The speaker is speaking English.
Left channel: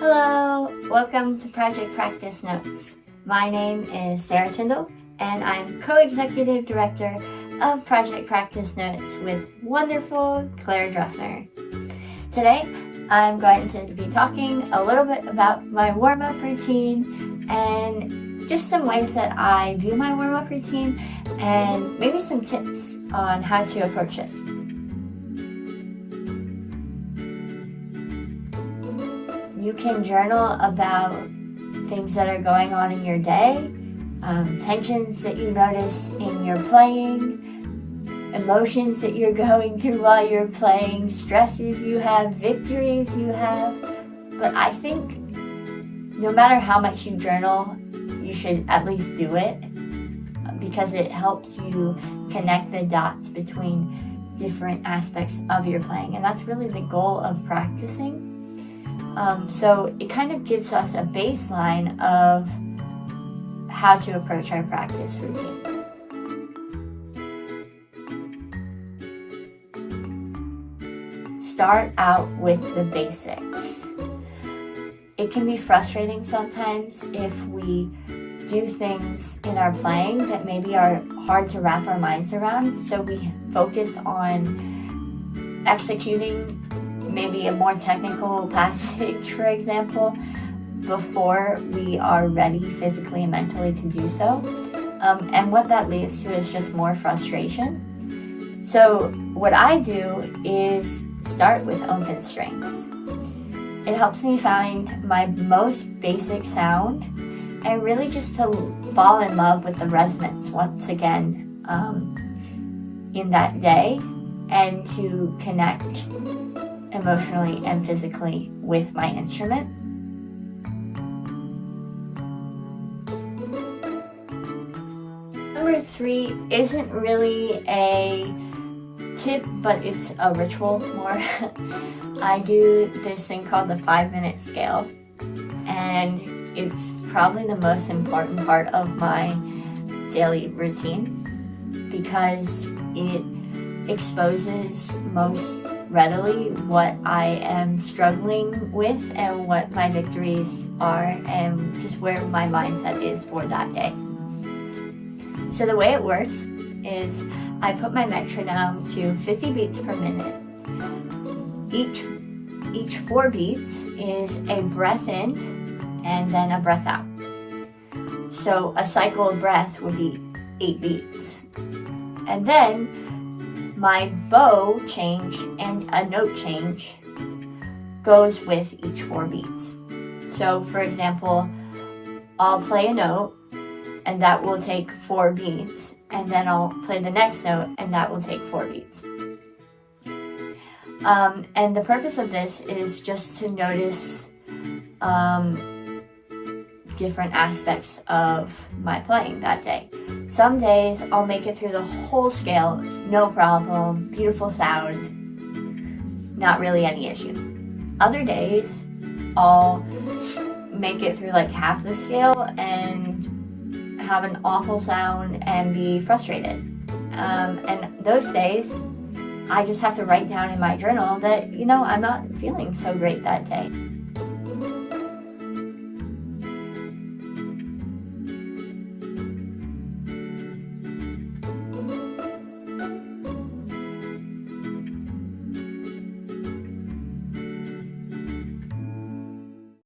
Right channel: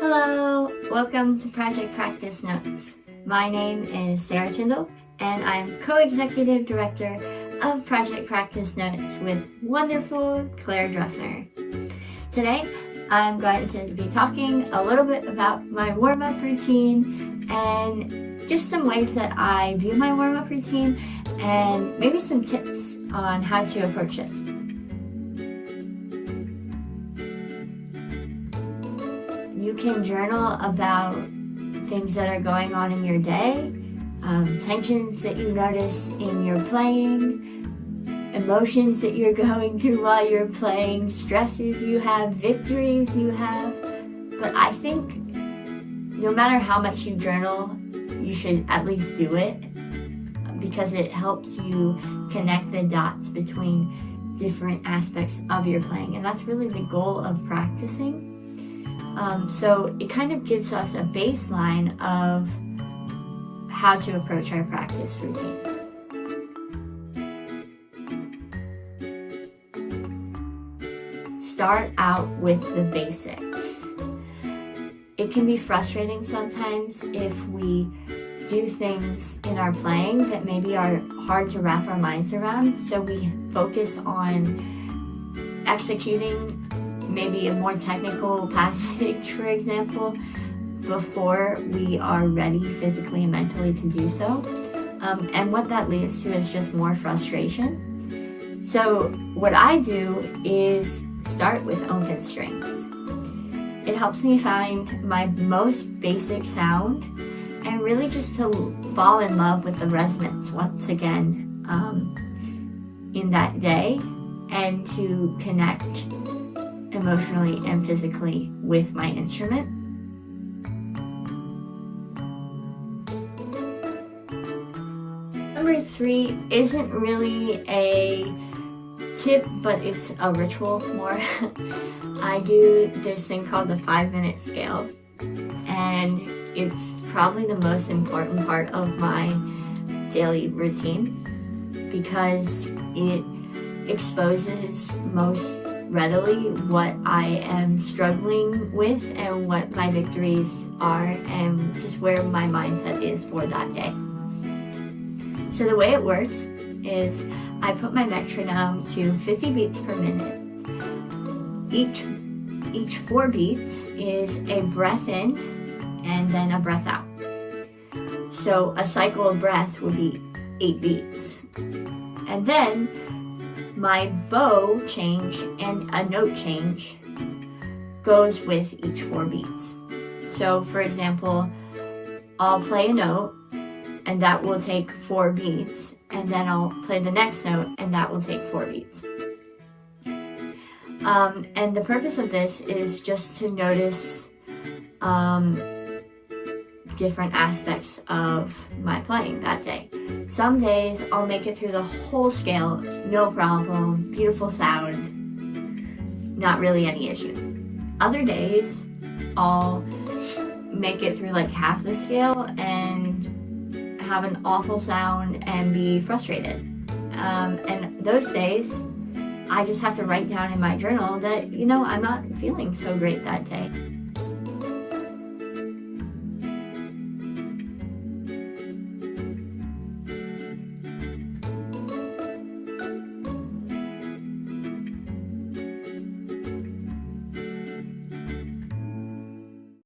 Hello, welcome to Project Practice Notes. My name is Sarah Tindall, and I'm Co-Executive Director of Project Practice Notes with wonderful Claire Druffner. Today, I'm going to be talking a little bit about my warm-up routine and just some ways that I view my warm-up routine and maybe some tips on how to approach it. You can journal about things that are going on in your day, tensions that you notice in your playing, emotions that you're going through while you're playing, stresses you have, victories you have. But I think no matter how much you journal, you should at least do it because it helps you connect the dots between different aspects of your playing. And that's really the goal of practicing. So it kind of gives us a baseline of how to approach our practice routine. Start out with the basics. It can be frustrating sometimes if we do things in our playing that maybe are hard to wrap our minds around, so we focus on executing maybe a more technical passage, for example, before we are ready physically and mentally to do so. And what that leads to is just more frustration. So what I do is start with open strings. It helps me find my most basic sound and really just to fall in love with the resonance once again in that day and to connect emotionally and physically with my instrument. Number 3 isn't really a tip, but it's a ritual more. I do this thing called the 5-minute scale, and it's probably the most important part of my daily routine because it exposes most readily what I am struggling with and what my victories are and just where my mindset is for that day. So the way it works is I put my metronome to 50 beats per minute. Each 4 beats is a breath in and then a breath out. So a cycle of breath would be 8 beats. And then my bow change and a note change goes with each 4 beats. So for example, I'll play a note and that will take 4 beats, and then I'll play the next note and that will take 4 beats. And the purpose of this is just to notice different aspects of my playing that day. Some days I'll make it through the whole scale, no problem, beautiful sound, not really any issue. Other days I'll make it through like half the scale and have an awful sound and be frustrated. And those days I just have to write down in my journal that, I'm not feeling so great that day.